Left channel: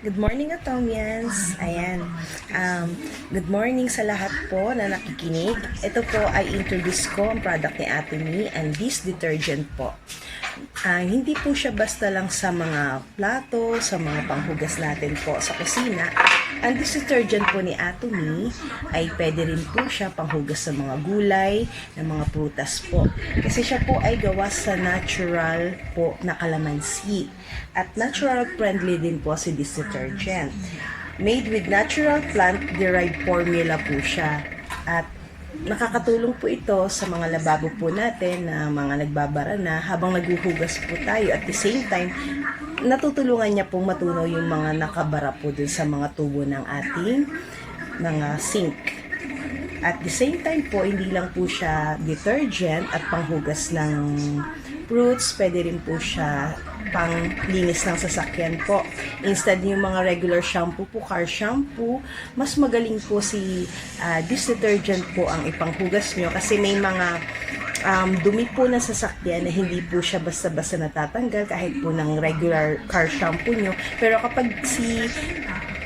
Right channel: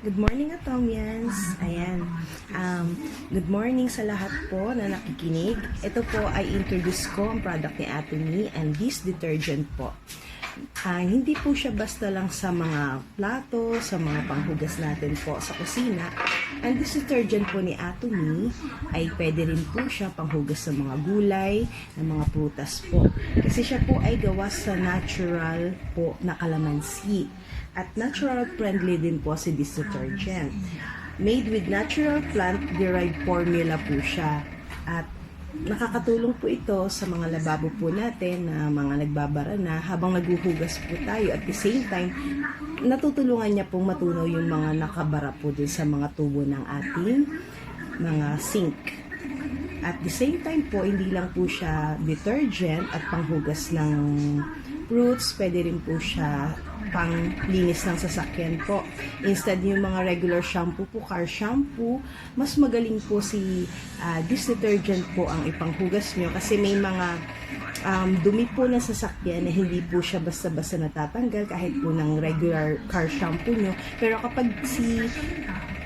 Good morning, Atomians! Ayan. Good morning sa lahat po na nakikinig. Ito po ay introduce ko ang product ni Atomy and this detergent po. Hindi po siya basta lang sa mga plato, sa mga panghugas natin po sa kusina. And this detergent po ni Atomy ay pwede rin po siya panghugas sa mga gulay, ng mga prutas po. Kasi siya po ay gawa sa natural po na kalamansi. At natural friendly din po si this detergent. Made with natural plant-derived formula po siya. At nakakatulong po ito sa mga lababo po natin na mga nagbabara na habang naghuhugas po tayo. At the same time, natutulungan niya pong matunaw yung mga nakabara po dun sa mga tubo ng ating mga sink. At the same time po, hindi lang po siya detergent at panghugas ng fruits, pwede rin po siya panglinis ng sasakyan po. Instead yung mga regular shampoo po, car shampoo, mas magaling po si this detergent po ang ipanghugas nyo kasi may mga dumi po ng sasakyan na hindi po siya basta-basta natatanggal kahit po ng regular car shampoo nyo. Pero kapag si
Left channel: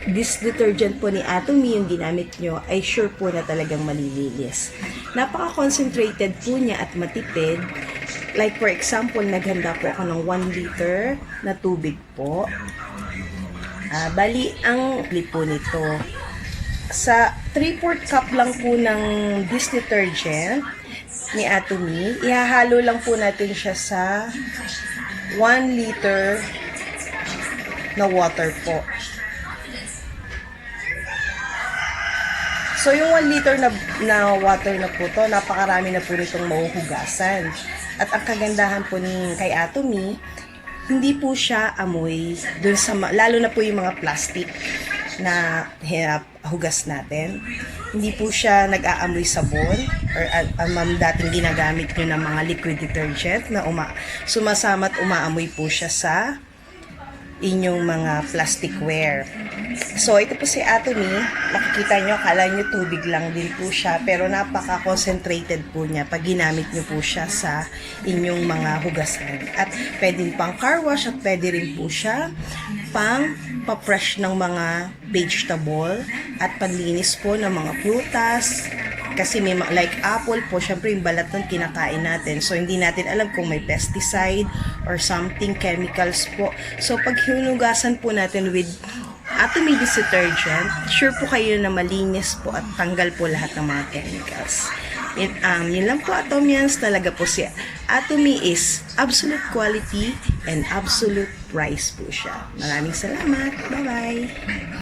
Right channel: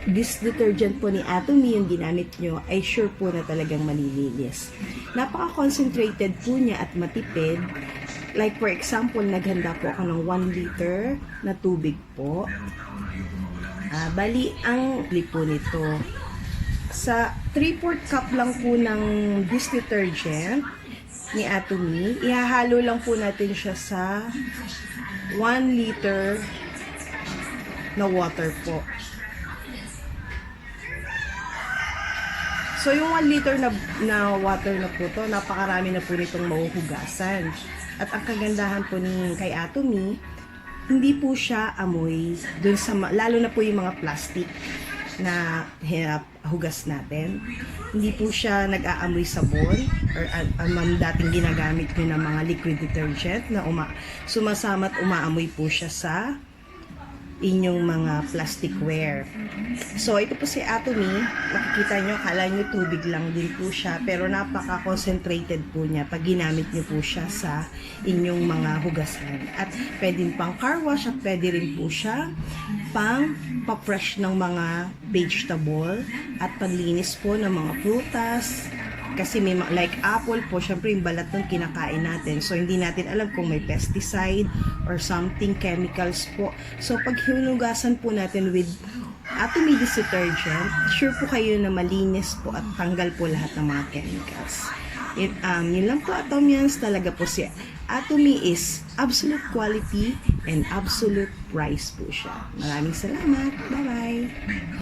this detergent po ni Atomy yung ginamit nyo, ay sure po na talagang malilinis. Napaka-concentrated po niya at matipid. Like for example, naghanda po ako ng 1 liter na tubig po. Bali, ang po nito, sa 3/4 cup lang po ng this detergent ni Atomy, ihahalo lang po natin siya sa 1 liter na water po. So, yung 1 liter na water na po to, napakarami na po nitong mahuhugasan. At ang kagandahan po kay Atomy, hindi po siya amoy dun sa, lalo na po yung mga plastic na hugas natin. Hindi po siya nag-aamoy sabon or dating ginagamit nyo ng mga liquid detergent na sumasama at umaamoy po siya sa inyong mga plasticware. So, ito po si Atomy. Makikita nyo, akala nyo tubig lang din po siya. Pero napaka-concentrated po niya pag ginamit nyo po siya sa inyong mga hugasan. At pwede pang car wash at pwede rin po siya pang pa-fresh ng mga vegetable at panlinis po ng mga prutas. Kasi may like apple po, syempre yung balat ng kinakain natin. So, hindi natin alam kung may pesticide or something, chemicals po. So, pag hinugasan po natin with Atomy detergent, sure po kayo na malinis po at tanggal po lahat ng mga chemicals. Yun lang po, Atomians. Talaga po si Atomy is absolute quality and absolute price po siya. Maraming salamat. Bye-bye!